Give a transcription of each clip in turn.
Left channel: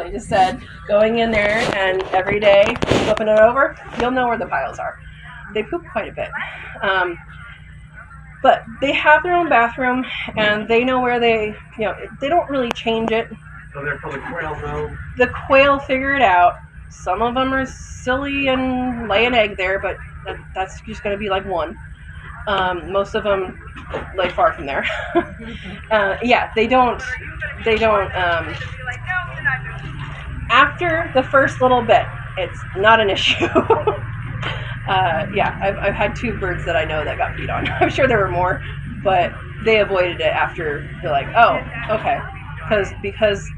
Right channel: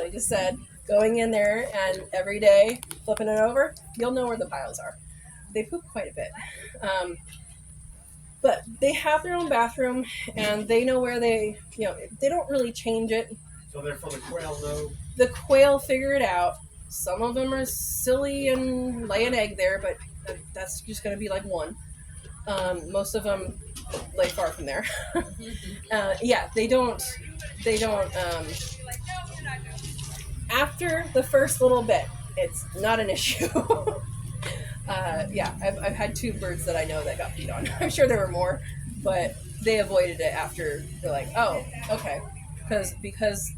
I just said, going in there and every day flipping it over, you'll know where the piles are. They poop quite a bit. But they have their own bathroom, and they know where they don't really change it. So they're for the quail, though? The quail figure it out. Some of them are silly and lay an egg there, but that's just going to be like one. Most of them lay far from there. They don't. After the first little bit, it's not an issue. I've had 2 birds that I know that got peed on. I'm sure there were more, but they avoided it after they're like, oh, okay. Because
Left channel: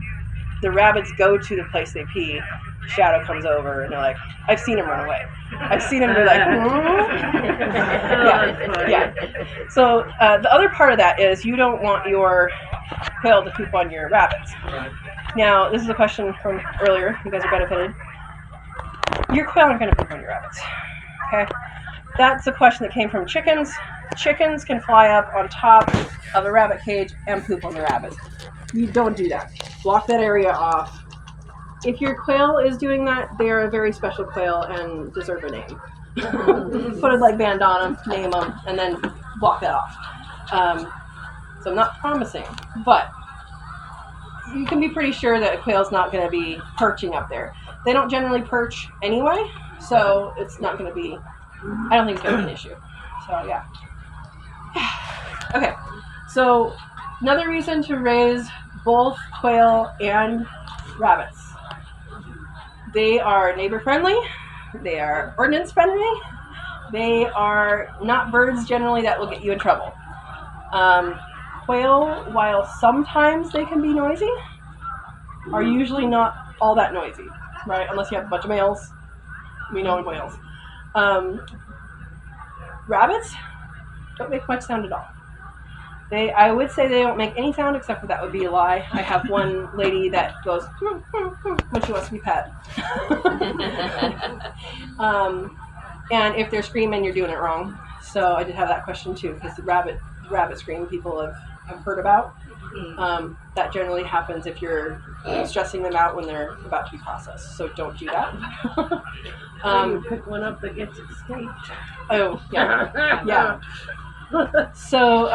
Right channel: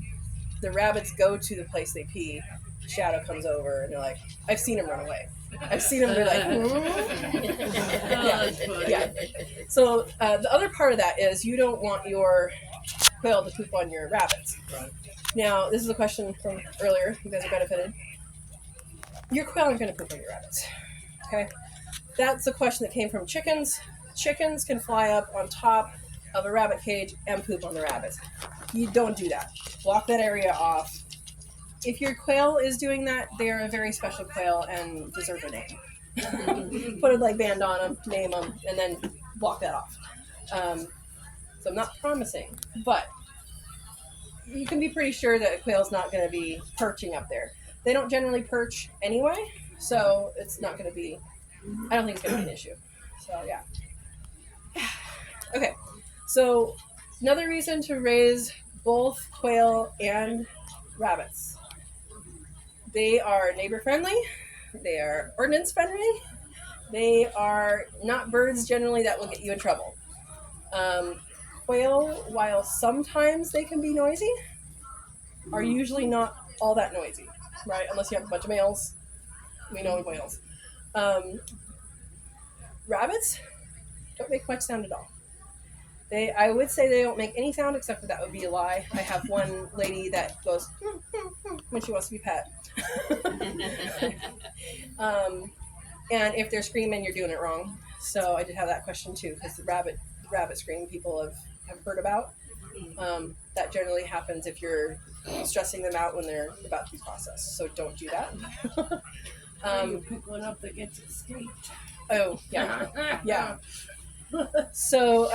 the rabbits go to the place they pee, Shadow comes over, and they're like, I've seen him run away. I've seen him be like, yeah. So the other part of that is you don't want your quail to poop on your rabbits. Right. Now, this is a question from earlier. You guys are benefited. Your quail aren't going to poop on your rabbits. Okay? That's a question that came from chickens. Chickens can fly up on top of a rabbit cage and poop on the rabbits. You don't do that. Block that area off. If your quail is doing that, they are a very special quail and deserve a name. Put a band on them, name them, and then block that off. So I'm not promising, but you can be pretty sure that a quail's not going to be perching up there. They don't generally perch anyway, so it's not going to be, I don't think it's going to be an issue. So, yeah. Okay, so another reason to raise both quail and rabbits. They are neighbor friendly, they are ordinance friendly, they are not birds generally that will get you in trouble. Quail, while sometimes they can be noisy, are usually not all that noisy, right? Unless you have a bunch of males. We know in quails. Rabbits don't make much sound at all. I would say they don't make any sound, except for that would be a lie. I have one lady that goes when she wants to be pet. And if they're screaming, you're doing it wrong. So I did have that question too, because the rabbit scream people have heard about. That generally happens if you're stressing them out when they're about to be processed. So don't do that. You pick one up that gets escaped. Oh, yeah. Yeah. So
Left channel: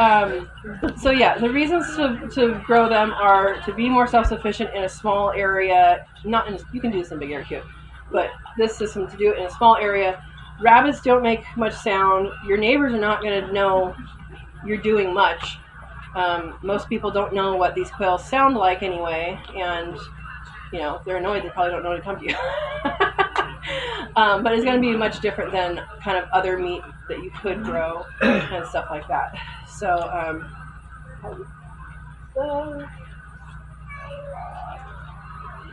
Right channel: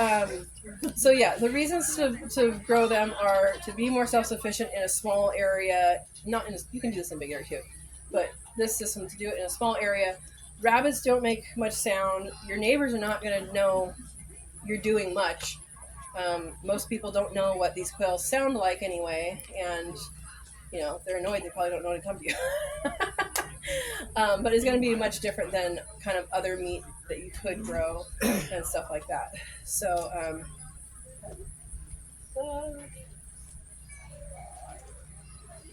the reasons to grow them are to be more self-sufficient in a small area. You can do this in a big area too, but this system to do it in a small area. Rabbits don't make much sound. Your neighbors are not going to know you're doing much. Most people don't know what these quails sound like anyway, and if they're annoyed, they probably don't know to come to you. But it's going to be much different than kind of other meat that you could grow and stuff like that. So,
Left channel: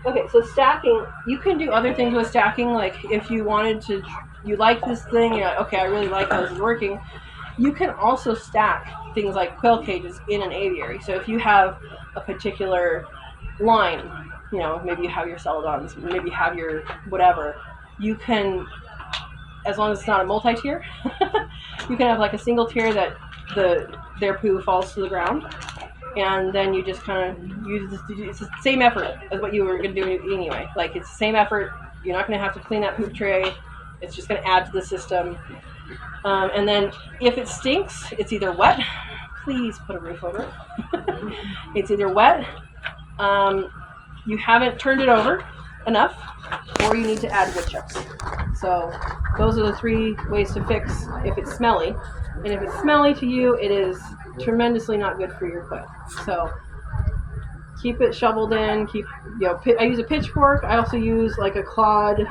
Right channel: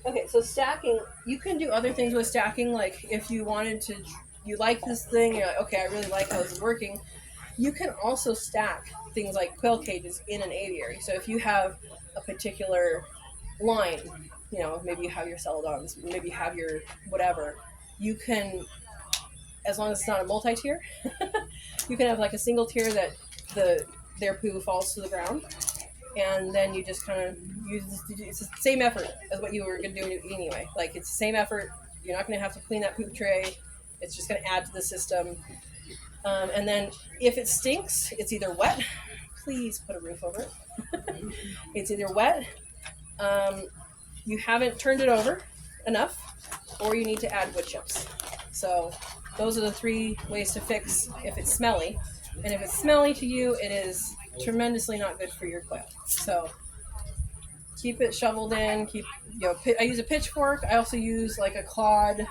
okay, so stacking, you can do other things with stacking, like if you wanted to, you like this thing, you're like, okay, I really like how this is working. You can also stack things like quail cages in an aviary. So if you have a particular line, maybe you have your celadons, maybe you have your whatever, you can, as long as it's not a multi-tier, you can have like a single tier that their poo falls to the ground, and then you just kind of use it's the same effort as what you were going to do anyway. Like, it's the same effort. You're not going to have to clean that poop tray. It's just going to add to the system. And then if it stinks, it's either wet. Please put a roof over it. It's either wet, you haven't turned it over enough, or you need to add wood chips. So those are the 3 ways to fix if it's smelly. And if it's smelly to you, it is tremendously not good for your quail. So keep it shoveled in. I use a pitchfork. I also use like a clawed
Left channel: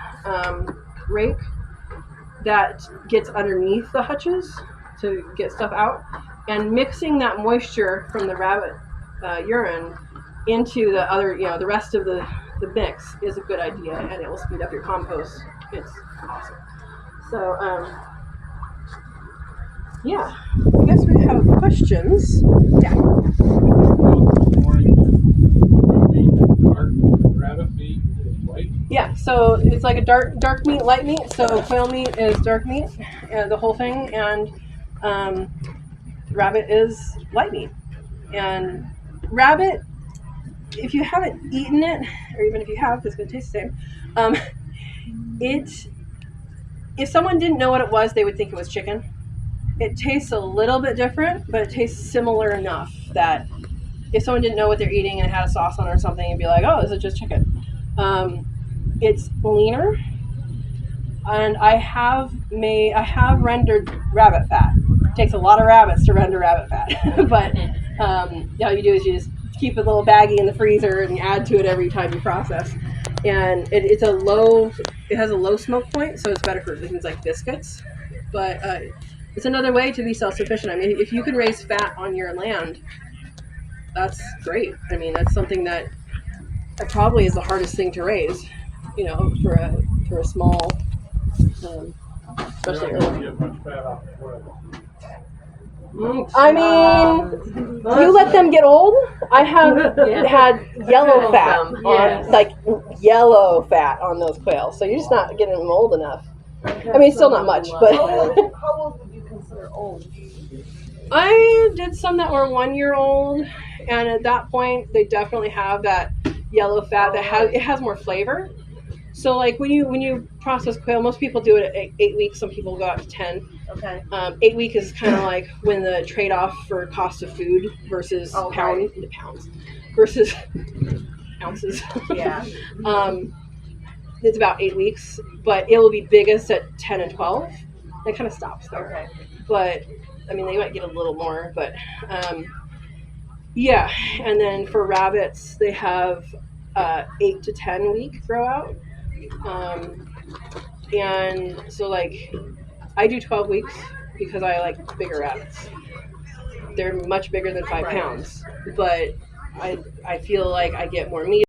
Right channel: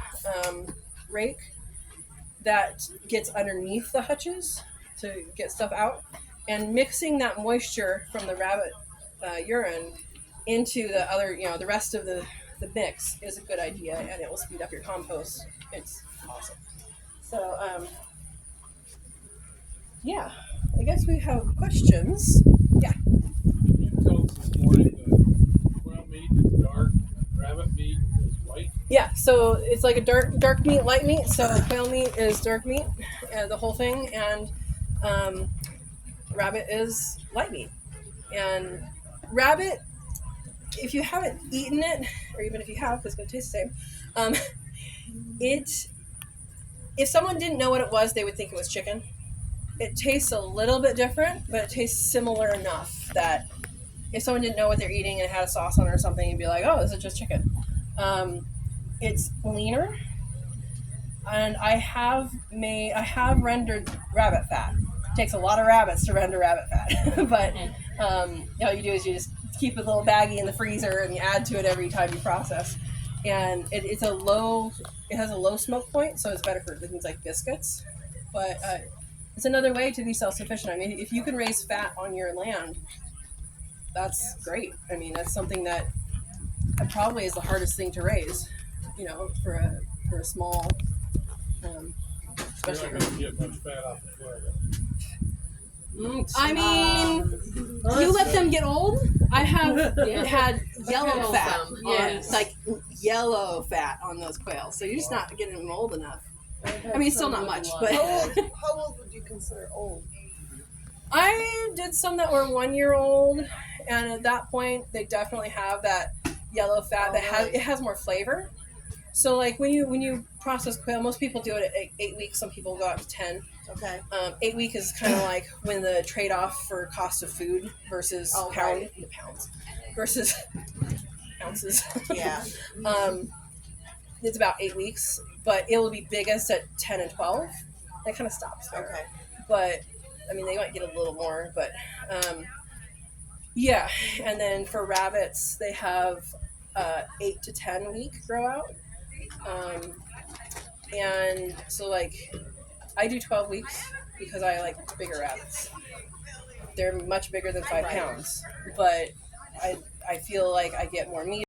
rake that gets underneath the hutches to get stuff out. And mixing that moisture from the rabbit urine into the other, the rest of the mix is a good idea, and it will speed up your compost. It's awesome. So, I guess we have questions. Yeah. Rabbit meat is white? Yeah, so it's like a dark meat, light meat. So quail meat is dark meat, the whole thing, and rabbit is light meat. And rabbit, if you haven't eaten it, or even if you have, it's going to taste the same. It if someone didn't know what it was, they would think it was chicken. It tastes a little bit different, but it tastes similar enough that if someone didn't know what they're eating and it had a sauce on it or something, you'd be like, "Oh, this is just chicken." It's leaner, and I have rendered rabbit fat. It takes a lot of rabbits to render rabbit fat, but all you do is you just keep a little baggie in the freezer and you add to it every time you process. And it has a low smoke point, so it's better for things like biscuits. But it's another way to be self-sufficient. I mean, if you can raise fat on your land, that's great. I mean, that's something that probably is the hardest thing to raise, for a small, especially You're not early. gonna get much fat off the quail. I mean, you let them get old. I have had yellow fat on, like yellow fat on those quails, so you're just not getting them old enough. I mean, still not much, but How old would you consider old? I did some that were 1 year old, and at that point, they definitely have that yellow fat that has more flavor. So, like when you process quail, most people do it at 8 weeks. Some people go out to 10. Okay. 8 week is kind of like when the trade off for cost of food versus pounds versus ounces. Yeah. It's about 8 weeks, but it will be biggest at 10 and 12. It kind of stops there. Okay. But I mean, they might get a little more, but yeah. And then for rabbits, they have 8 to 10 week grow out. And so like I do 12 weeks because I like bigger rabbits. They're much bigger than 5 pounds, but I feel like I get more meat